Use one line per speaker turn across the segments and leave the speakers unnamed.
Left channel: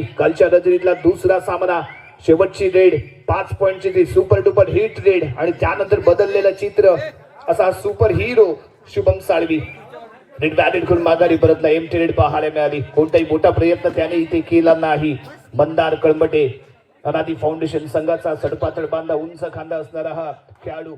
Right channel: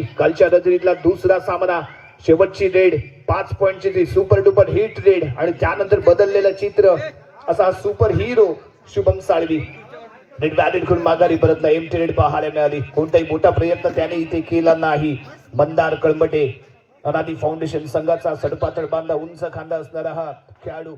कालच्या नजरीतला दुसरा सामना. शेवटची रेड पाच पॉईंटची ती सुपर डुपर हिट रेड आणि त्यानंतर बदललेलं चित्र. असा super hero Shubham Salvi. Raid batted करून माघारी परतला. एम रेड पाहायला मिळाली. कोणताही मोठा प्रयत्न त्याने इथे केला नाही. मंदार कळमटे. अनादी फाउंडेशन संघाचा सडपातळ बांधा उंच खांदा असणारा हा खेळाडू.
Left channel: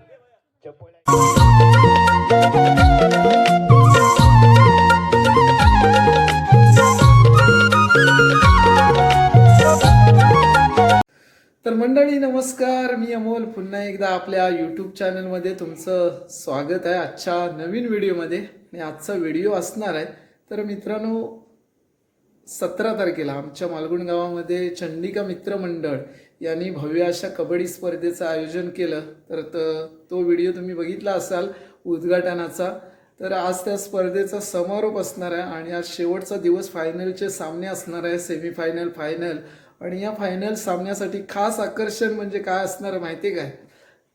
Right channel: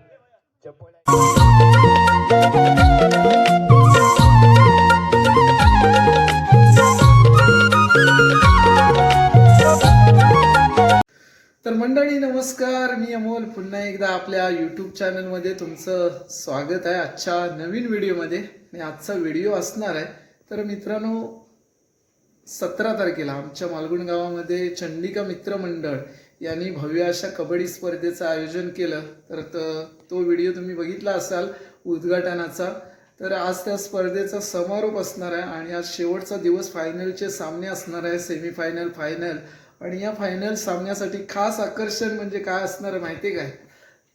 तर मंडळी नमस्कार. मी अमोल. पुन्हा एकदा आपल्या यूट्यूब चॅनलमध्ये तुमचं स्वागत आहे आजच्या नवीन व्हिडिओमध्ये आणि आजचा व्हिडिओ असणार आहे. तर मित्रांनो सतरा तारखेला आमच्या मालगुण गावामध्ये चंडिका मित्र मंडळ यांनी भव्य अशा कबड्डी स्पर्धेचं आयोजन केलं. तर तो व्हिडिओ तुम्ही बघितला असाल उद्घाटनाचा. तर आज त्या स्पर्धेचा समारोप असणार आहे. आणि आज शेवटचा दिवस फायनलचे सामने असणार आहे. सेमीफायनल फायनल आणि या फायनल सामन्यासाठी खास आकर्षण म्हणजे काय असणार माहिती आहे काय?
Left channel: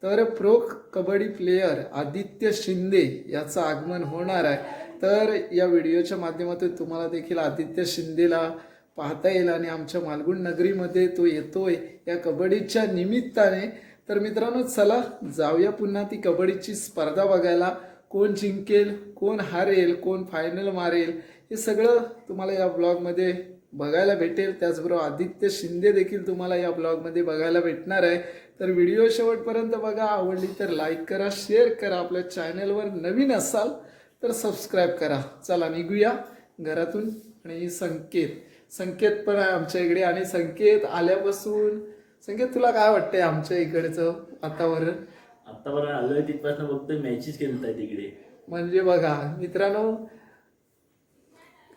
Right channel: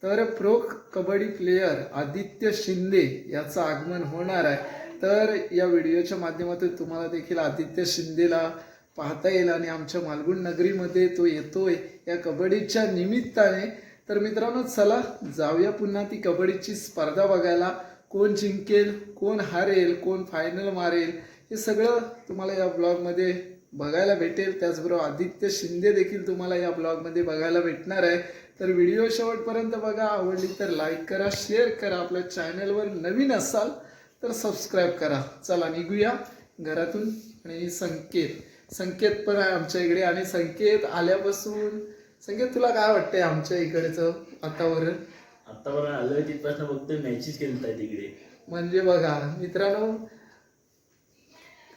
तर प्रो कबड्डी प्लेयर आदित्य शिंदे याचं आगमन होणार आहे. तर या व्हिडिओच्या माध्यमातून तुम्हाला देखील आदित्य शिंदेला पाहता येईल आणि आमच्या मालगुण नगरीमध्ये तो येतोय या कबड्डीच्या निमित्ताने. तर मित्रांनो चला जाऊया पुन्हा ती कबड्डीची स्पर्धा बघायला. कोण जिंकेल कोण हारेल कोण फायनल मारेल हे सगळं तुम्हाला या ब्लॉगमध्ये बघायला भेटेल. त्याचबरोबर आदित्य शिंदे देखील तुम्हाला या ब्लॉगमध्ये बघायला भेटणार आहे. तर व्हिडिओ शेवटपर्यंत बघा. आवडली तर लाईक करा शेअर करा. आपल्या चॅनलवर नवीन असाल तर सबस्क्राईब करा. चला निघूया घरातून. आणि संकेत. संकेत पण आहे आमच्या इकडे. आणि संकेत आल्यापासून संकेत तुला काय वाटतंय आमच्या इकडचं वातावरण?
आतापर्यंत आलोय तिथपासून बघतोय मॅचेस खेळताय तिकडे
म्हणजे बघा मित्रांनो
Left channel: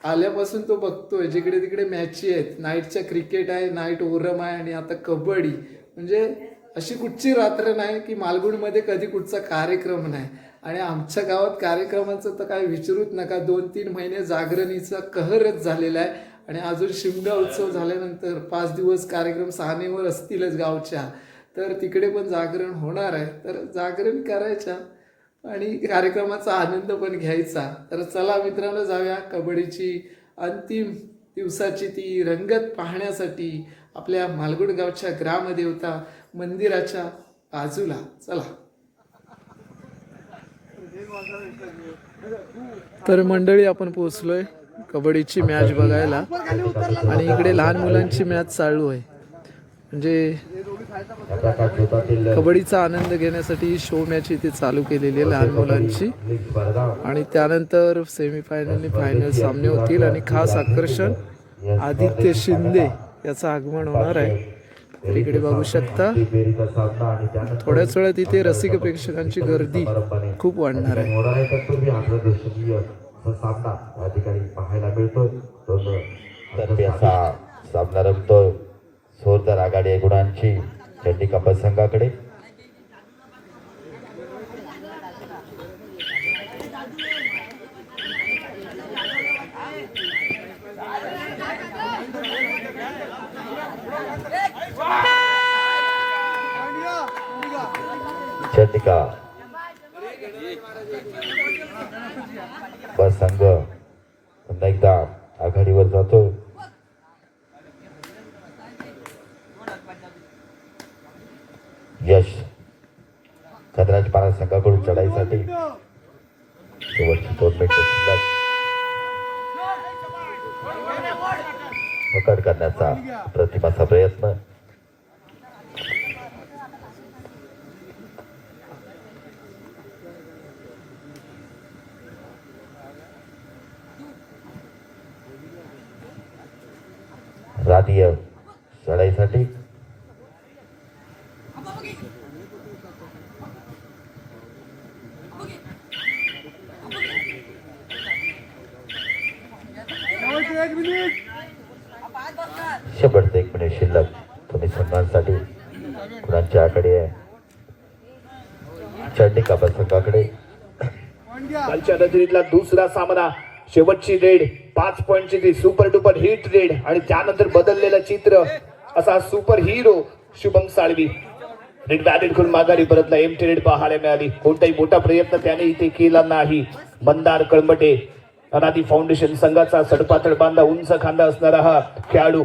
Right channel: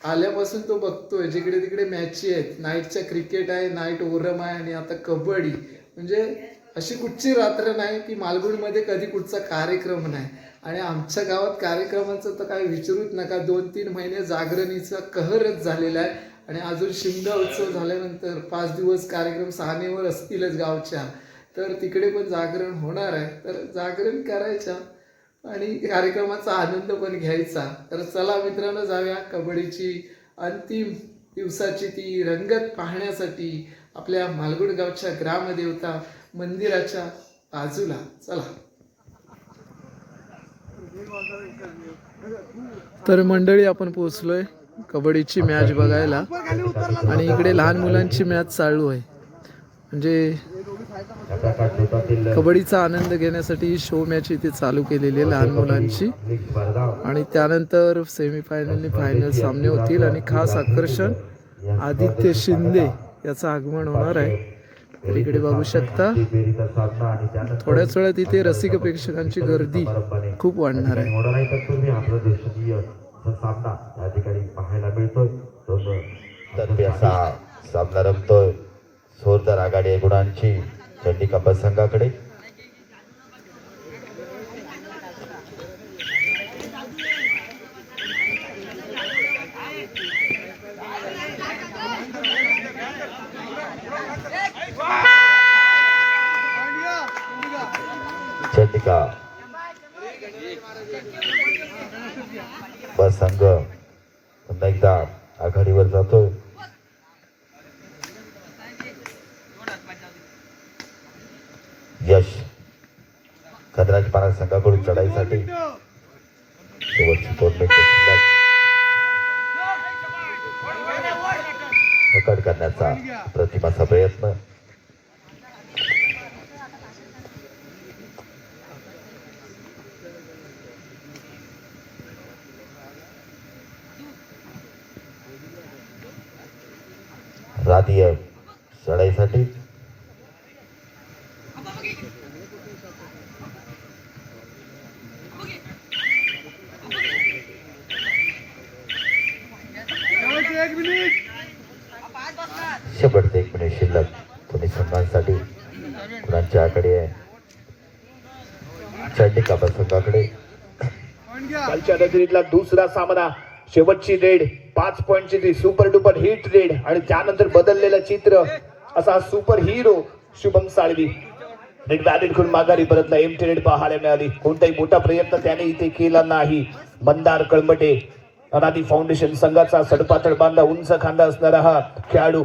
आल्यापासून तो बघतोय जिकडे तिकडे मॅची आहेत. नाईटच्या क्रिकेट आहे नाईट ओरम आहे आणि आता कबड्डी. म्हणजे अशी कुठची रात्र नाही की मालगुणमध्ये कधी कुठचा कार्यक्रम नाही. आणि आमच्या गावात कार्यक्रमाचं तर काय विचारूच नका. दोन तीन महिने जागरणीचा कहरच झालेला आहे. आणि अजून शिमगा उत्सव झाल्यानंतर पाच दिवस कार्यक्रम सहानेवर असतीलच गावच्या. तर तिकडे पण जागरण होणार आहे. तर जागरण करायच्या. आणि कार्यक्रमाचा आनंद पण घ्यायचा. तर चला मित्रांनो जाऊया कबड्डीची अंतिम दिवसाची ती रंगत पाहण्यासाठी आपल्या मालगुड गावच्या ग्रामदेवता मंदिराच्या बाजूला. चला. तर मंडळी आपण पोहोचलोय कबड्डीची मॅच बघायला. आणि इकडे लहान मुलांची मॅच चालू आहे. म्हणजे कबड्डीचा आनंद घेण्यासाठी ही शो मॅच इथे चालू केलेली आहे लहान मुलांची. आणि त्यानंतर सेमीफायनल फायनल सामने होतील आणि खास आकर्षण आदित्य शिंदे याचं आगमन होणार आहे. तर इकडे बघू शकता थोड्याच वेळात इथे रसिक प्रेक्षकांची गर्दी खूप वाढणार आहे.
सामना या ठिकाणी पाहायला मिळतोय.
सामना रंगतोय जोरदार आघाडी आहे गुणांची. त्यांनी बस संघाकडे चंडिका संघ पुन्हा एकदा आघाडीवर जातो. कदराज महाराज संघाकडून चढाईसाठी. शेवटची पकड करण्याचा प्रतिमाचा प्रयत्न. राधीय चढाईसाठी शेवट एक मिनिट शिल्लक तुम्ही सन्मानसाठी गुणांच्या आकडे आहे. चंडिका संघाकडे.
कालच्या नजरीतला दुसरा सामना शेवटची रेड पाच पॉईंटची ती सुपर डुपर हिट रेड आणि त्यानंतर बदललेलं चित्र असा super hero Shubham Salvi. Raid batted करून माघारी परतला एम रेड पाहायला मिळाली. कोणताही मोठा प्रयत्न त्याने इथे केला नाही. मंदार कळमटे अनादी फाउंडेशन संघाचा सडपातळ बांधा उंच खांदा असणारा हा खेळाडू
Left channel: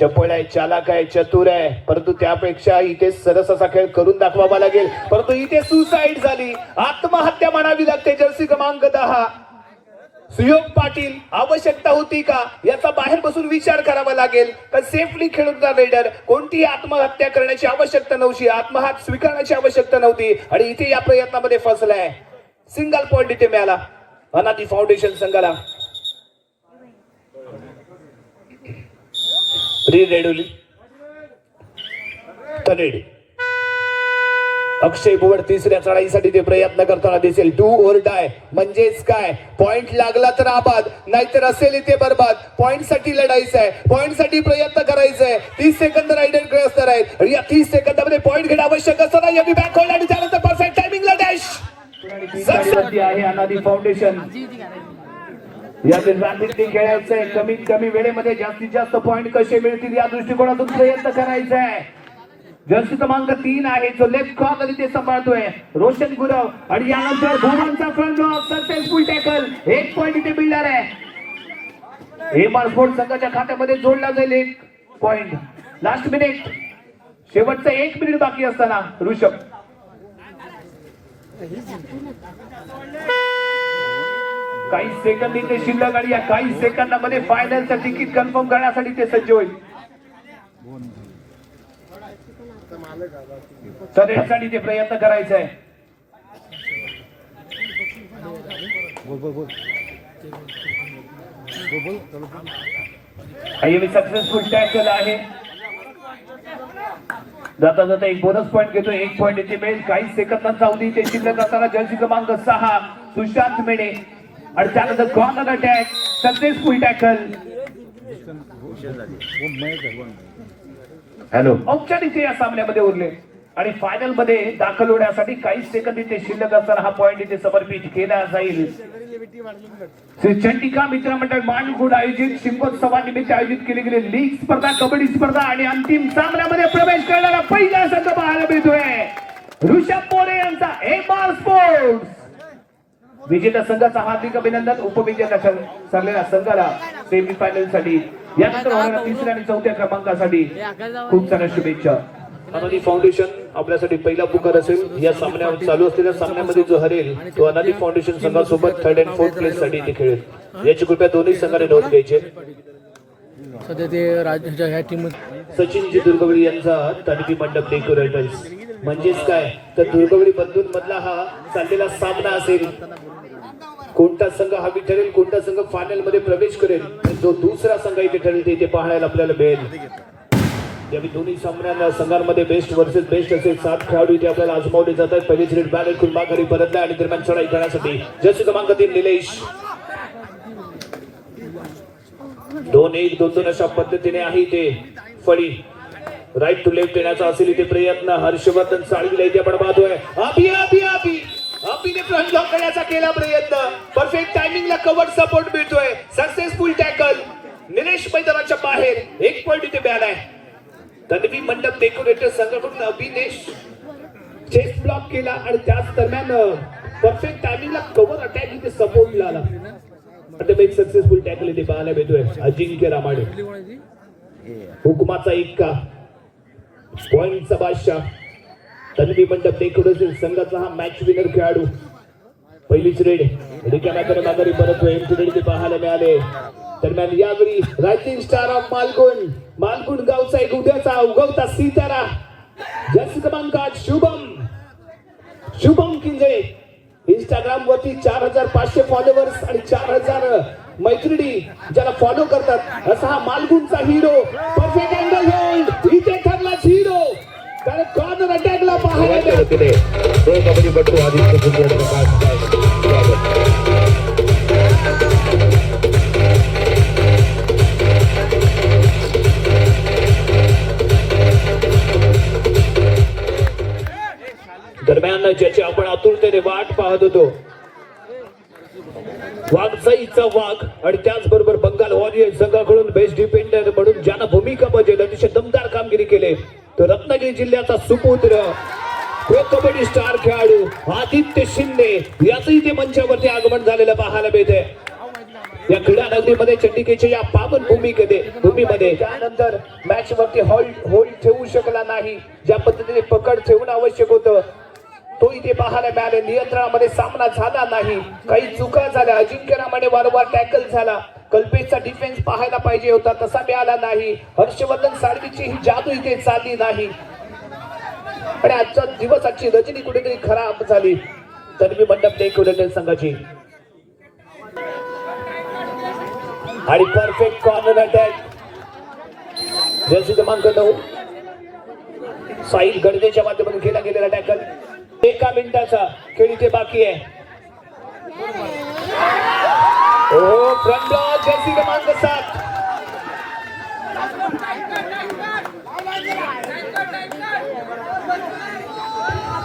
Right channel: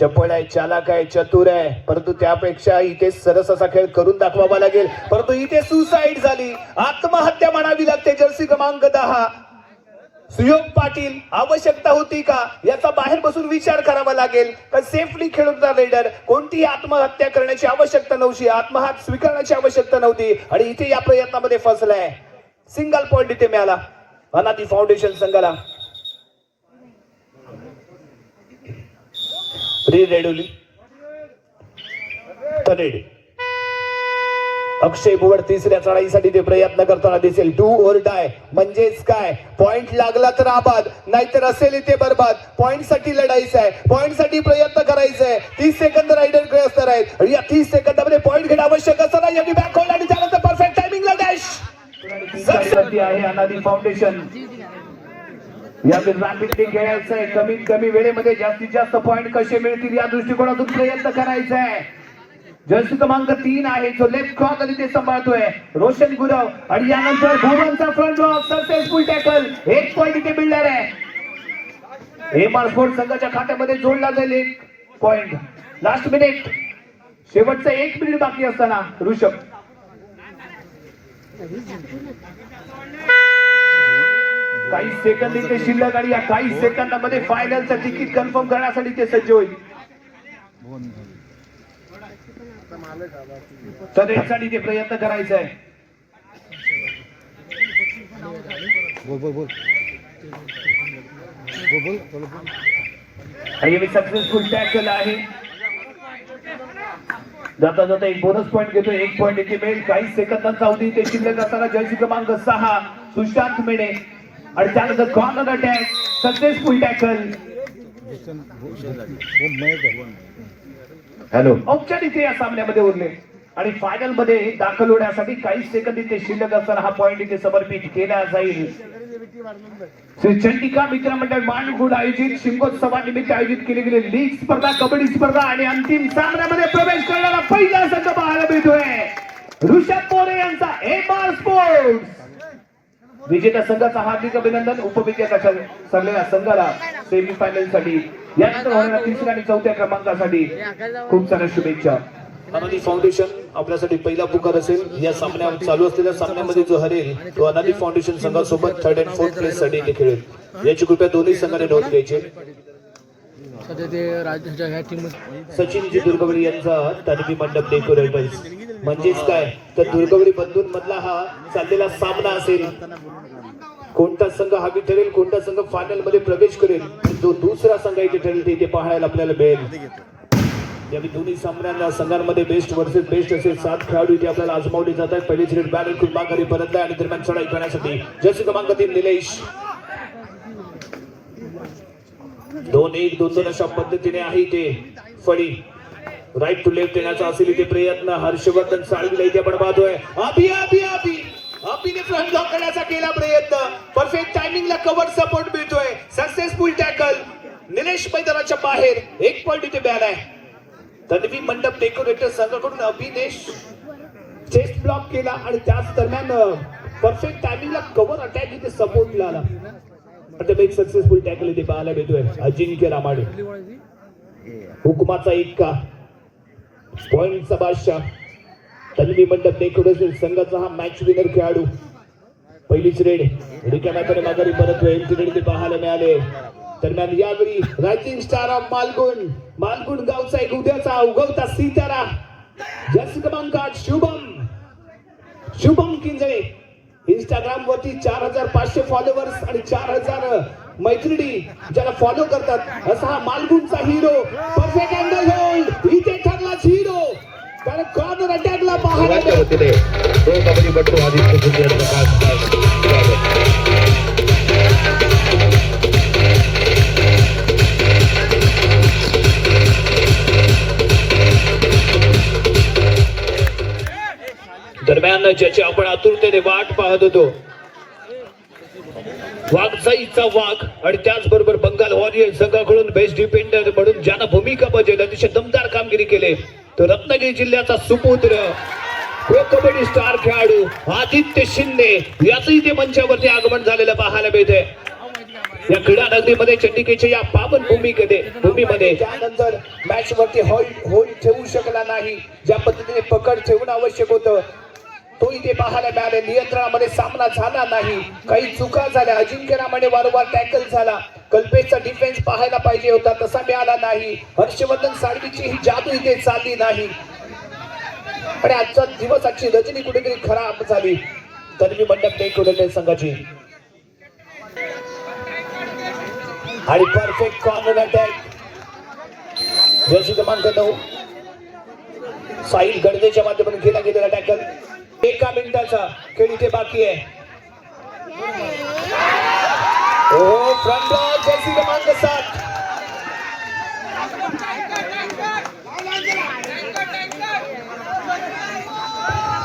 चपळ आहे चालाक आहे चतुर आहे परंतु त्यापेक्षा इथे सरस असा खेळ करून दाखवावा लागेल. परंतु इथे सुसाईड झाली. आत्महत्या म्हणावी लागते जर्सी क्रमांक दहा. सुयोग पाटील आवश्यकता होती का? याचा बाहेर बसून विचार करावा लागेल. तर सेफली खेळूचा रेडर कोणतीही आत्महत्या करण्याची आवश्यकता नव्हती? आत्महत्या स्वीकारण्याची आवश्यकता नव्हती. आणि इथे या प्रयत्नामध्ये फसलाय. सिंगल पॉइंट इथे मिळाला. अनादी फाउंडेशन संघाला. री रेडोली तनेड अक्षय बुवड तिसऱ्या चढाईसाठी ते प्रयत्न करताना दिसेल टू ओव्हर डाय म्हणजेच काय पॉइंट लागला तर आबाद नाहीतर असेल इथे बरबाद पॉइंटसाठी लढायचं आहे पॉइंटसाठी प्रयत्न करायचा आहे तीस सेकंद रायडरकडे असणार आहेत या तीस सेकंदामध्ये पॉइंट घेणं आवश्यक असताना यांनी बॅक होईल आणि त्यानंतर परफेक्ट टायमिंगला डॅश आहे अनादी फाउंडेशन या रॅपिडली खेळायचंय. कमीत कमी वेळेमध्ये जास्तीत जास्त पॉईंट कसे मिळतील या दृष्टिकोनातून प्रयत्न करायचा आहे जर्सी क्रमांक तीन आहे. जो लेफ्ट आणि ते सांभाळतोय. रोशन गुरव आणि यानंतर भुवनचा फ्रंट ब्लॉक सक्सेसफुल टॅकल एक पॉईंट इथे मिळणार आहे. हे आर स्पोर्ट संघाच्या खात्यामध्ये जोडला जाईल एक पॉइंट लास्ट मिनिट शेवटचा एक मिनिट बाकी असताना ऋषभ. काही सेकंद इथे शिल्लक आणि या काही सेकंदामध्ये फायनलचं तिकीट कन्फर्म करण्यासाठी ते सज्ज होईल. तर यासाठी ते प्रयत्न करायचा आहे सक्सेसफुल टॅकल आहे. जाता जाता एक बोनस पॉईंट घेतो एक पॉईंट इथे मिळेल काही सेकंदांचा अवधी इथे शिल्लक असताना जर्सी क्रमांक सहा. सुशांत मेणे. आणि त्यानंतर corner attack successful tackle hello औपचारिक इथे या सामन्यामध्ये उरले. आणि फायनलमध्ये दाखल होण्यासाठी काही सेकंद इथे शिल्लक असताना हा पॉइंट इथे समर्पित केला जाईल. श्री चंडिका मित्र मंडळ मानगुड आयोजित शिमगोत्सवानिमित्त आयोजित केली गेलेली लीग स्पर्धा कबड्डी स्पर्धा आणि अंतिम सामन्यामध्ये प्रवेश करणारा पहिला संघ पाहायला मिळतोय. ऋषभ मोरे यांचा एम आर स्पोर्ट्स विजेत्या संघाचा हार्दिक अभिनंदन. उपविजेत्या सं- सगळ्या संघाला सेमी फायनलसाठी यानंतर होणाऱ्या तिसऱ्या आणि चौथ्या क्रमांकासाठी खूप साऱ्या शुभेच्छा. अनादी फाउंडेशन आपल्यासाठी पहिला पुकार असेल. या सामन्यावर चालू असलेल्या सामन्यामध्ये जो हरेल तो अनादी फाउंडेशन संघासोबत थर्ड अँड फोर्थ प्लेस साठी इथे खेळेल. याची कृपया दोन्ही संघाने नोंद घ्यायची
सध्या ते राज्याच्या ह्या टीम
सचिनजी दुर्गवडी यांचा तडबी मंडप डेकोरेटर्स म्हणजेच काय? तर दुर्गवडी बंधून मधला हा चाललेला सामना असेल. कोणता संघ हवी ठरेल कोणता संघ फायनलमध्ये प्रवेश करेल जो दुसरा संघ इथे ठरेल ते इथे पाहायला आपल्याला मिळेल. ज्यावेळी दोन्ही सामन्यांना संघांमध्ये बेस्ट वर्सेस बेस्ट असे सात खेळाडू इथे आपल्याला आजमावले जातात. पहिलेच रेड बॅनर कुंभा घरी परतला आणि दरम्यान चढाई करण्यासाठी. जसे क्रमांक तीन निलेश. दोन एक दोन दोन अशा पद्धतीने आहे इथे फळी राईट टू लेफ्ट येण्याचा असेल इथे प्रयत्न. हर्षवर्धन साळवीला इथे आपण पाहतोय. अभि अभि अभि अभिने फ्रंट लॉक करण्याचा केला प्रयत्न. परफेक्ट टायमिंगला कव्हर सपोर्ट मिळतोय. सक्सेसफुल टॅकल निलेश मैदानाच्या बाहेर. एक पॉइंट इथे बॅन आहे. तन्वी मंडप डेकोरेटर संघाकडून अभिनेश चेस्ट ब्लॉक केला आणि त्याच दरम्यान परफेक्ट टायमिंगला कव्हर अटॅक इथे सपोर्ट मिळाला. आता एक सक्सेसफुल टॅकल इथे पाहायला मिळतोय. अजिंक्य रामाडे. हुकुमाचा का? पॉइंटचा बादशाह. तन्वी मंडप डेकोरेशन संघाचा हा मॅच विनर खेळाडू. पहिलीच रेड. रिकाम्याकडे माघारी परत एमची ते पाहायला मिळाले. दरम्यान यावेळी rising star of Malgun. Malgun गावचा एक उद्याचा उगवता सीतारा. जस क्रमांकात शुभम. शुभम किंजळे इंस्टाग्राम वरती चार हजार पाचशे फॉलोअर्स आणि चार हजार मैत्रिणी ज्याला फॉलो करतात. असा हा मालगुणचा हिरो परफेक्ट अँगल होल्ड इथे
वतीने प्रो कबड्डीपटू आदित्य यांचं खास स्वागत
दरम्यान ज्याची आपण आतुरतेने वाट पाहत होतो. वाघसाईचा वाघ आणि त्याचबरोबर बंगाल वॉरियर संघाकडून बेस्ट डिफेंडर म्हणून ज्यानं भूमिका बजावली अतिशय दमदार कामगिरी केली. तो रत्नागिरी जिल्ह्याचा सुपुत्र प्रो कबड्डी स्टार खेळाडू आदित्य शिंदे याचंही ते मंचावरती आगमन झालेलं पाहायला मिळते या क्रीडा नगरीमध्ये चंडिकेच्या या पावन भूमीकडे भूमीमध्ये त्यानंतर मॅच वरती होल्ड होल्ड ठेवू शकला नाही. ज्या पद्धतीने पकड ठेवणं आवश्यक होतं तो इथे पाहायला मिळाले. नियंत्रणामध्ये सामना झाला नाही. काही चुका झाल्या. अजिंक्य रामाने वारंवार टॅकल झाला. कल्पेशचा डिफेन्स पाहायला पाहिजे होता. तसा मिळाला नाही. हर्षवर्धन साळवीची ही जादू इथे चालली नाही. आणि आजच्या दिवसाची रचनी कुठेतरी खराब झाली. तन्वी मंडप देखील संघाची. आणि परफेक्ट कॉर्नर अटॅक जर्सी क्रमांक नऊ साहिल गडदेच्या माध्यमातून केला गेलेला टॅकल एका मिनिटाचा खेळ इथे बाकी आहे. ओ फ्रंट जर्सी क्रमांक सात.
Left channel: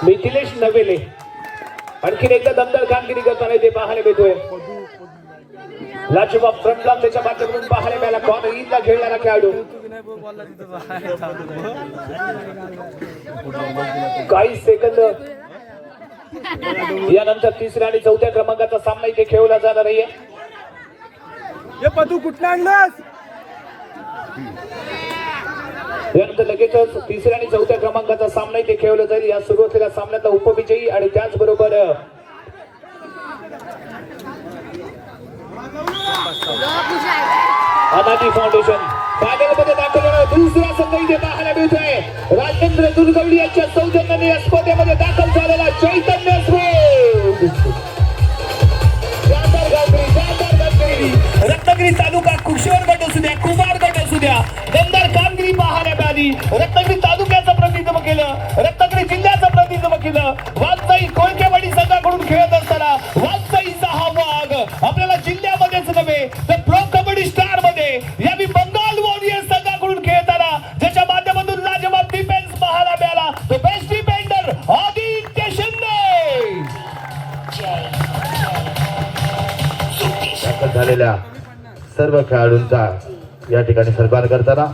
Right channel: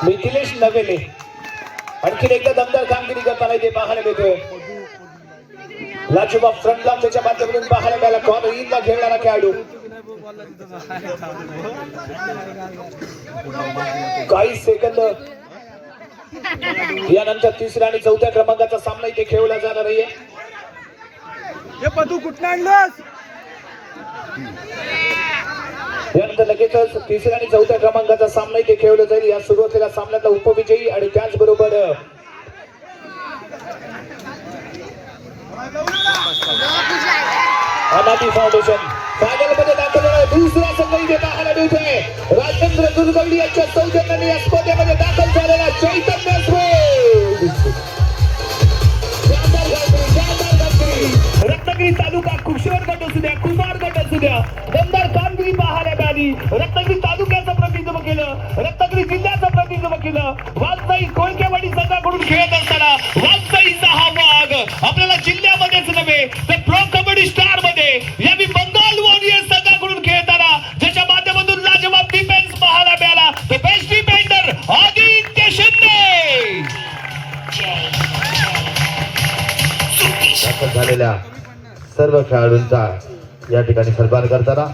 मिथिलेश नवेले आणखीन एकदा दमदार कामगिरी करताना इथे पाहायला मिळतो. लाजूबा फ्रंटला त्याच्या माध्यमातून पाहायला मिळाला. कॉर्नर ईदला खेळणारा खेळाडू काही सेकंद यानंतर तिसऱ्या आणि चौथ्या क्रमांकाचा सामना इथे खेळला जाणार नाहीये यानंतर लगेचच तिसऱ्या आणि चौथ्या क्रमांकाचा सामना इथे खेळला जाईल. या सुरुवातीला सामन्यातला उपविजयी आणि त्याचबरोबर अनाटी फाउंडेशन फायनलमध्ये दाखल दुसरा संघ इथे पाहायला मिळतोय. राजेंद्र दुर्गल्ली रत्नागिरी तालुक्याचं प्रतिनिधित्व केलं रत्नागिरी जिल्ह्याचं प्रतिनिधित्व केलं. वाजताई कोळकेवाडी संघाकडून खेळत असताना वाजताईचा हा भाग आपल्याला जिल्ह्यामध्येच नव्हे तर प्रो कबड्डी स्टारमध्ये या मी बंगाल वॉरियर्स संघाकडून खेळताना ज्याच्या माध्यमातून लाजवाब डिफेन्स पाहायला मिळाला तो बेस्ट डिफेंडर आदित्य शिंदे.
झालेल्या सर्व खेळाडूंचा या ठिकाणी सन्मान करताना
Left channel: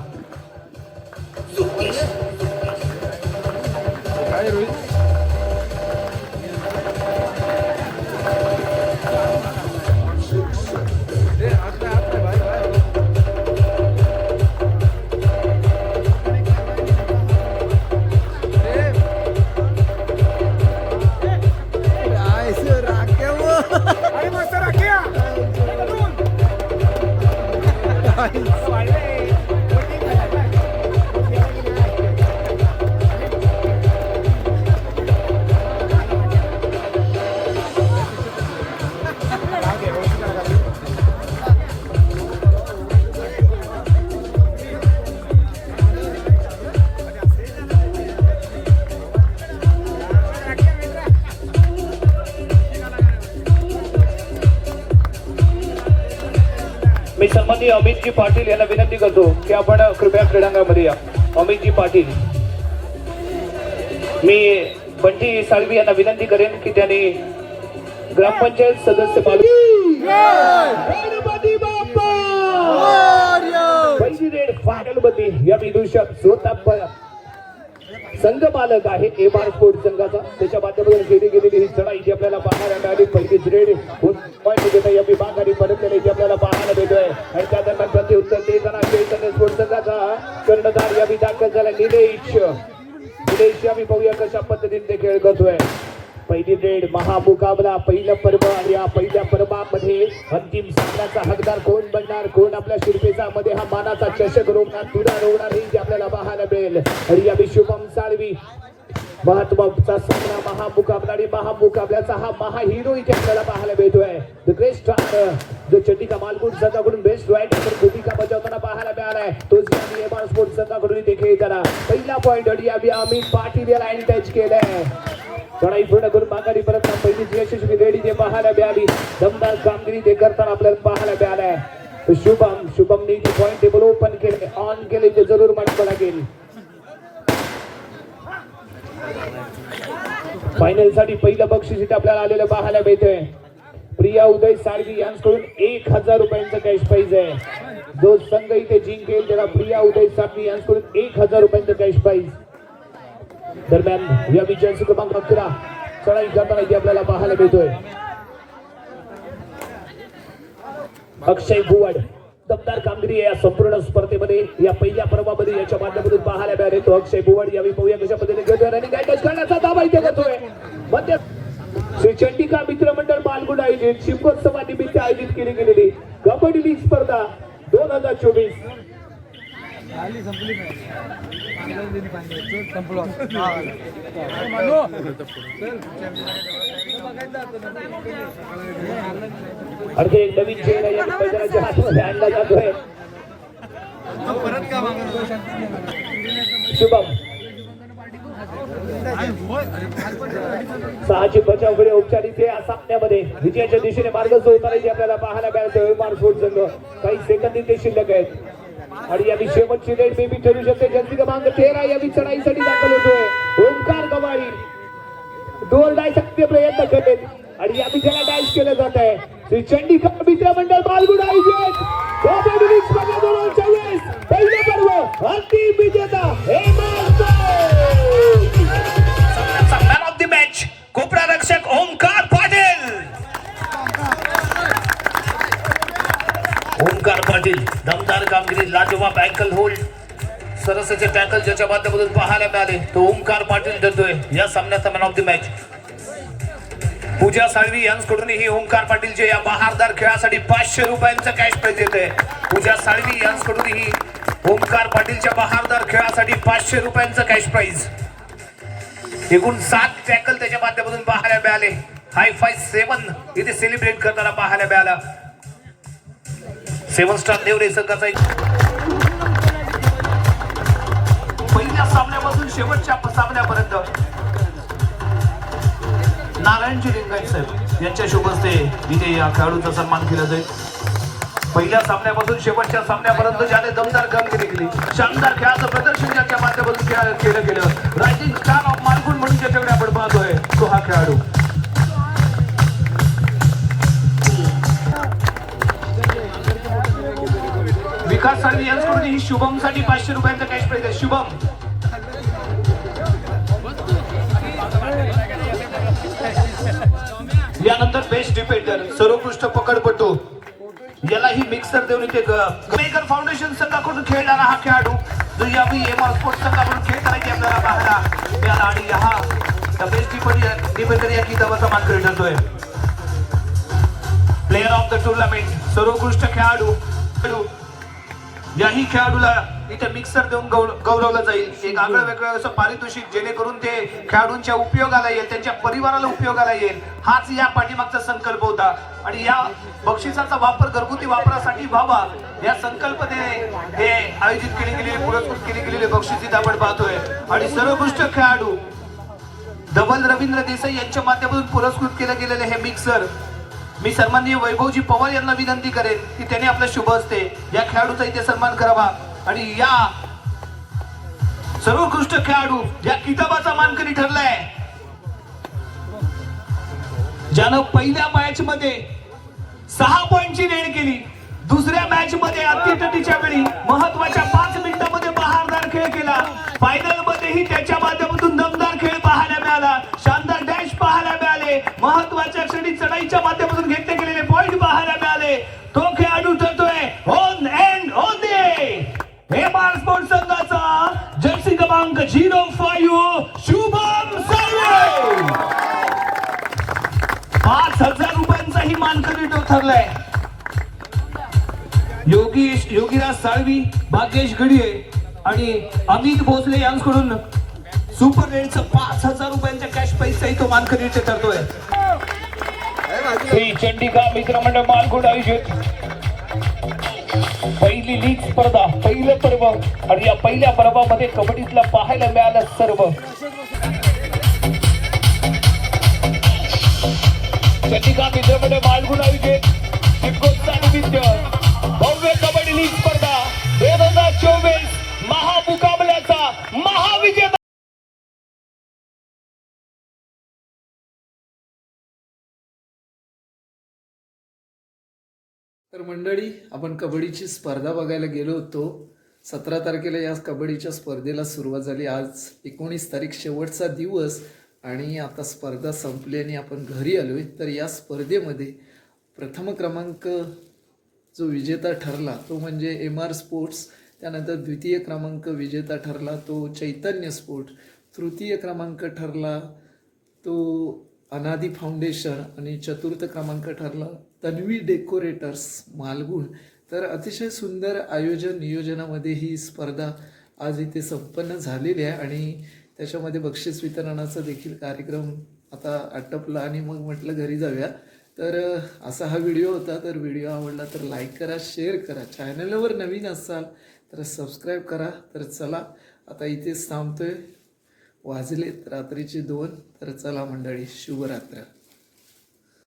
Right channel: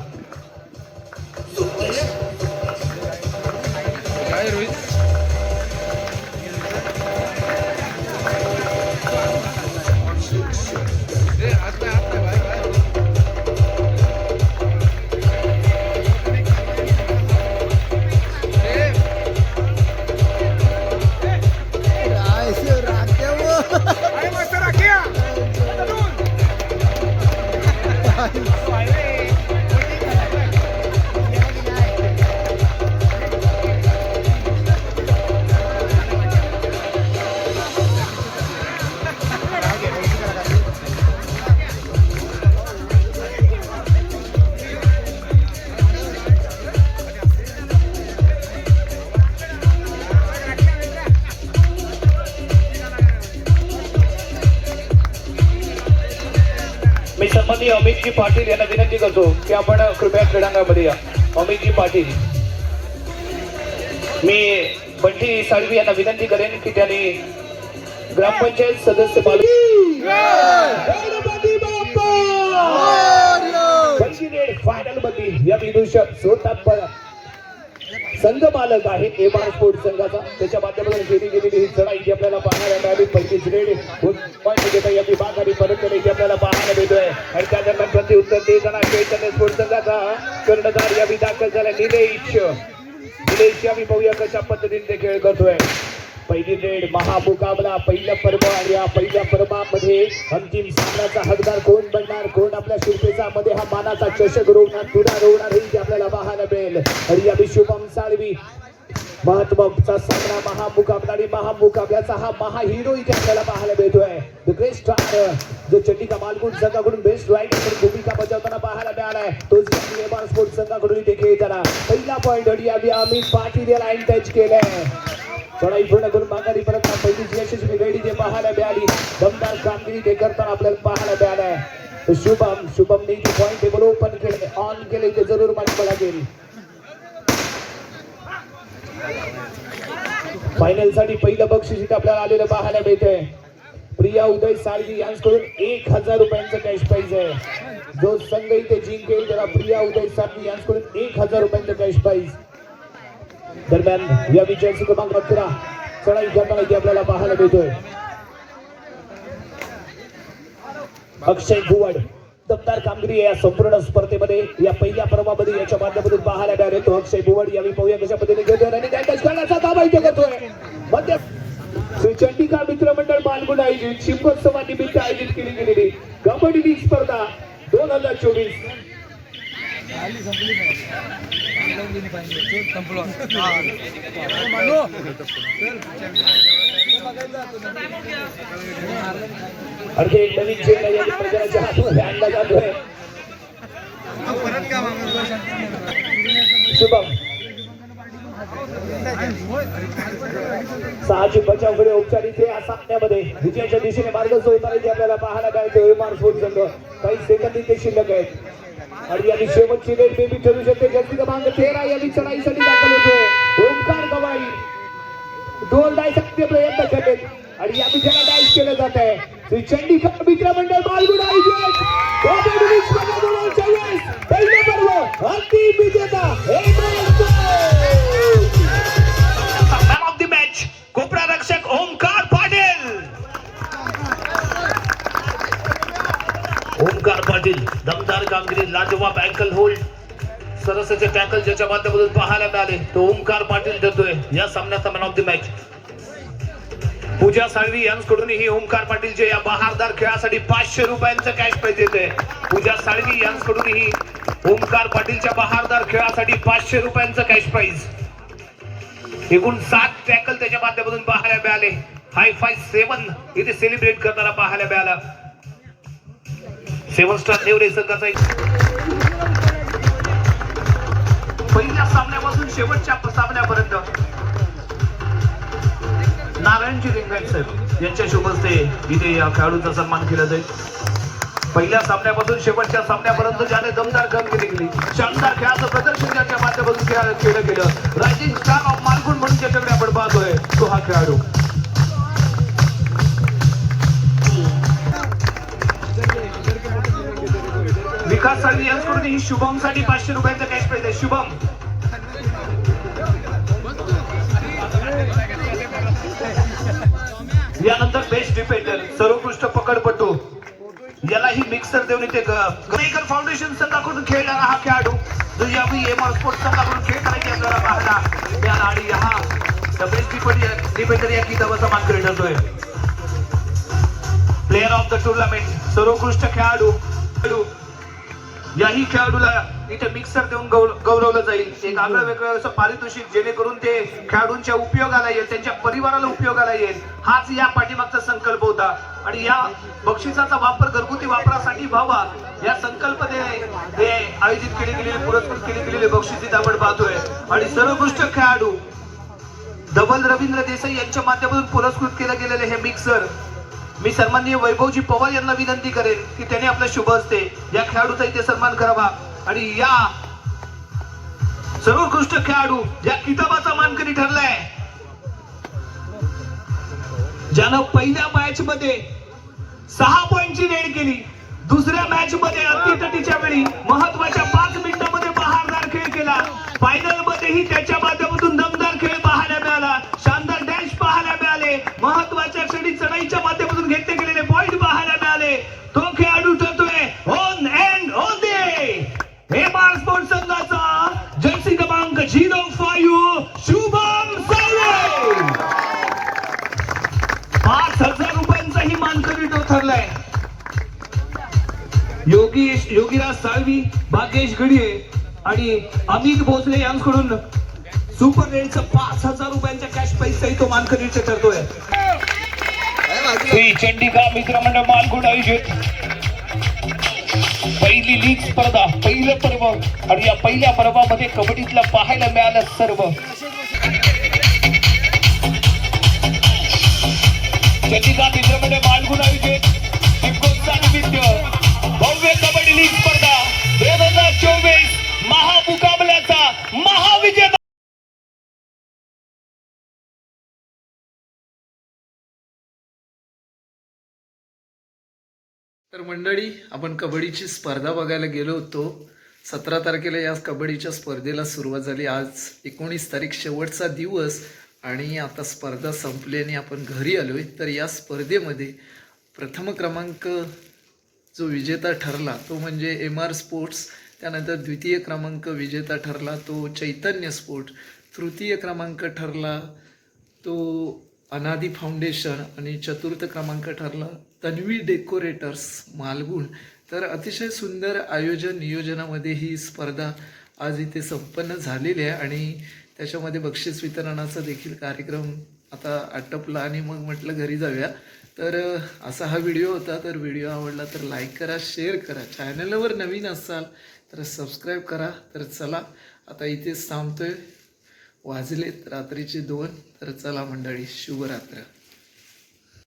मी अमितजी पाटील यांना विनंती करतो की आपण कृपया क्रीडांगणामध्ये या. अमितजी पाटील. मी बंटी साळवी यांना विनंती करेन की त्यांनी ग्रामपंचायत सदस्य फायनलमध्ये या विदूषक स्वतः प- संघ मालक आहे ए बार स्पोर्ट्स संघाचा. त्याच्या माध्यमातून केली गेलेली ही चढाई जी आपल्याला पाहायला मिळाली. पहिलीच रेड देता या विभागाने परत केली आपल्याला पाहायला मिळतोय. आणि त्या दरम्यान प्रत्युत्तर देताना चैतन्य स्पोर्ट्स संघाचा कर्णधार यावी दाखल झाला निलेश निलेश यावी पाहूया कशा पद्धतीने ते खेळ करतोय. पहिली रेड महामुकाबला पहिलं पर्व आणि या पहिल्या पर्वामध्ये अंतिम सामन्याचा हकदार कोण बनणार? कोण आपल्या शिरपेचा मध्ये हा मानाचा चषक रोवणार तुरा रोवणार हे जे आपल्याला पाहायला मिळेल. आणि या शुभम साळवी महत्त्वाचा सामना महामुकाबला आणि महामुकाबल्याचा हा महाहिरो इथे आपल्याला पाहायला मिळतोय. द ग्रेट स्टार जो चटिका मालगुण संघाकडून बेस्ट राईट भूमिका बजावताना पाहायला मिळालाय तोच यांनी एबार स्पोर्ट्स संघाकडून इथे खेळताना. पहिला पॉईंट आणि आम्ही अमित पाटील या टच केलाय. चढाई पूर्ण करून माघारी परत पहिलीच यशस्वी वेळी ते पाहायला मिळाली. दमदार कामगिरी ते करताना आपल्याला पाहायला मिळाला. शुभम शुभमने ते पॉईंट टेबल ओपन केले. ऑन केले ते जरूर मांडलं लागेल. फायनलसाठी पहिलं बक्षीस इथे आपल्याला आलेलं पाहायला मिळतंय. प्रिया उदय साळवी यांच्याकडून एक हजार रुपयांचं कॅश प्राईज आहे. जो संघ इथे जिंकेल त्याला प्रिया उदय साळवी यांच्याकडून एक हजार रुपयांचं कॅश प्राईज दरम्यान या विजयाची क्रमांक अकरा चढाई करताना इथे आपल्याला पाहायला मिळतोय. अक्षय भुवड दमदार कामगिरी या संपूर्ण स्पर्धेमध्ये. या पहिल्या पर्वामध्ये याच्या माध्यमातून पाहायला मिळाले तो अक्षय भुवड. यावेळी पाहूया कशा पद्धतीने घेतोय आणि काय टच करण्याचा दाबा इथे करतोय. मध्य श्री चंडिका मित्रमंडळ मालगुण आयोजित शिल्पोत्सवानिमित्त आयोजित केली गेलेली कबड्डी लीग स्पर्धा दोन हजार चोवीस. आणखी एक नवीन चेहरा या शुभम. सहाची बचाव गडी औपचारिक या सामन्यामध्ये विजयाच्या दिशेने मार्ग होताना जे आपल्याला पाहायला मिळते विमान स्पोर्ट संघ. काही सेकंदी ते शिल्लक आहेत. आणि याची शेवटची रेट बेबी ठरू शकते. जगती क्रमांक तेरा याची चढाईसाठी दाखल होते. ओंकार गवाई दोन डायसाठी प्रयत्न करते. आणि या डायस केलं जात. आहे. श्री चंडिका मित्रमंडळ बालगुड आयोजित पहिलं पर्व अंतिम विजेता ऑफ द मॅच कोपरा रक्षक ओंकार पाटील दमदार कामगिरी लाजवाब अँकल होल्ड सरसचे टॅकल ज्याच्या माध्यमातून पाहायला मिळाले तो ओंकार पाटील देतोय. या सामन्याचा man of the match Pooja Salvi यांच्याकडूनही Omkar पाटीलचे या बहारदार खेळासाठी पाचशे रुपयांचं कॅश प्राइज येते पूजा साळवी यांच्याकडूनही ओंकार पाटीलच्या बहारदार खेळासाठी पाचशे रुपयांचं कॅश प्राईज एकूण सात टॅकल त्याच्या माध्यमातून पाहायला मिळाले. हाय फाय सेवन इथे सेलिब्रेट करताना पाहायला मिळाला. सेवन स्टार देवरे संघाचा एक पहिल्या सामन्यापासून शेवटच्या सामन्यापर्यंत नारायणजी लिंगायत साहेब यांच्या शुभ हस्ते इथे या खेळाडूचा सन्मान केला जाईल. पहिल्या सामन्यापासून शेवटच्या सामन्यापर्यंत ज्याने दमदार कामगिरी केली शानदार खेळाचं प्रदर्शन ज्याच्या माध्यमातून खेळ- केलं गेलं. रायझिंग स्टार ऑफ मालगुण म्हणून ज्याच्याकडे आपण पाहतोय तो हा खेळाडू. विकास करून ही शुभमसाठी पाचशे रुपयांचा कॅश पाहिजे. आहे शुभम. यानंतर बेस्ट डिफेंडर सर्वोत्कृष्ट पकडपटू. यालाही मिक्सर देऊन इथे गमेकर फाउंडेशन संघाकडून खेळणारा हा खेळाडू जो यावेळी एम आर स्पोर्ट्स संघाकडून खेळताना की आपल्याला पाहला. आणि हा बेस्ट डिफेंडर या किताबाचा मानकरी ठरतोय प्लेअर ऑफ द टुर्नामेंट सर्वोत्कृष्ट खेळाडू खेळाडू याही खेळाडूला इथे मिक्सर देऊन गौरवलं जाईल. एक आगळं वेगळं असं पारितोषिक जेणेकरून ते खेळाडूंच्या उपयोगाला येईल त्यांच्या परिवाराला उपयोगाला येईल. हाच या पाठीमागचा संकल्प होता. आणि या बक्षिसाचा वापर घरगुती वापरासाठी व्हावा या संकल्पने हे आयोजित केले गेलेले पुरस्कृत केले गेलेले बक्षीस आपण पाहतोय. आणि सर्वोत्कृष्ट खेळाडू धवल रवींद्र देसाई यांच्या माध्यमातून पुरस्कृत केलं गेलेलं हे मिक्सर मी सन्माननीय वैभवजी पवार यांना विनंती करेन की त्यांनी आपल्या शुभ असते या खेळाडूचा इथे सन्मान करावा. आणि या सर्वोत्कृष्ट खेळाडू या किताबाचा मानकरी ठरलाय. ज्यानं पहिल्या मॅच मध्ये सहा पॉइंटची रेड केली दुसऱ्या मॅच मध्ये अतितटीच्या वेळी महत्त्वाच्या पाच मिनिटांमध्ये बहारदार खेळ केला. फायनल मध्येही त्याच्या माध्यमातून दमदार खेळ पाहायला मिळाला. महत्त्वाच्या क्षणी चढाईच्या माध्यमातून घेतले गेलेले पॉइंट पाहायला मिळाले. तो खेळाडू ठरतोय ऑन एंड ऑन दे हेमार स्पोर्ट संघाचा जर्सी क्रमांक झिरो फाईव्ह शुभम साळवे. पाच हजार रुपयांचाही मानकरी तो ठरलाय. योगेश योगीराज साळवी भाग्येश गडिये आणि अमित भोसले यांकडून सुपर रेडचा पाच हजार रुपयांचा कॅश पैसाही तो मानकरी ठरतोय. चंडिका मित्रमंडळ मालगुड आयोजित. पहिली लीग स्पर्धा पहिलं पर्व आणि या पहिल्या पर्वामध्ये कबड्डीतला पाहायला मिळालं सर्व. चंडिका मित्रमंडळ मालगुड आयोजित.
तर मंडळी आपण कबड्डीची स्पर्धा बघायला गेलो होतो. सतरा तारखेला या कबड्डीच्या स्पर्धेला सुरुवात झाली. आज एकोणीस तारीख शेवटचा दिवस आणि आता स्पर्धा संपली आणि आपण घरी आलोय. तर या स्पर्धेमध्ये प्रथम क्रमांक जो विजेता ठरला तो म्हणजे एम आर स्पोर्ट्स त्यानंतर द्वितीय क्रमांक विजेता ठरला तो चैतन्य स्पोर्ट्स तृतीय क्रमांक ठरला तो अनादी फाउंडेशन. आणि चतुर्थ क्रमांक ठरला तन्वी डेकोरेटर्स मालगुण. तर अतिशय सुंदर आयोजन नियोजनामध्ये ही स्पर्धा आज इथे संपन्न झालेली आहे आणि त्याच्यामध्ये बक्षीस वितरणाचा देखील कार्यक्रम आता आटपला आणि मग म्हटलं घरी जाऊया. तर असा हा व्हिडिओ होता. तर व्हिडिओ आवडला तर लाईक करा शेअर करा. चॅनलवर नवीन असाल तर सबस्क्राईब करा. तर चला आता इथेच थांबतोय. वाजलेत रात्रीचे दोन. तर चला मंडळी शुभरात्र.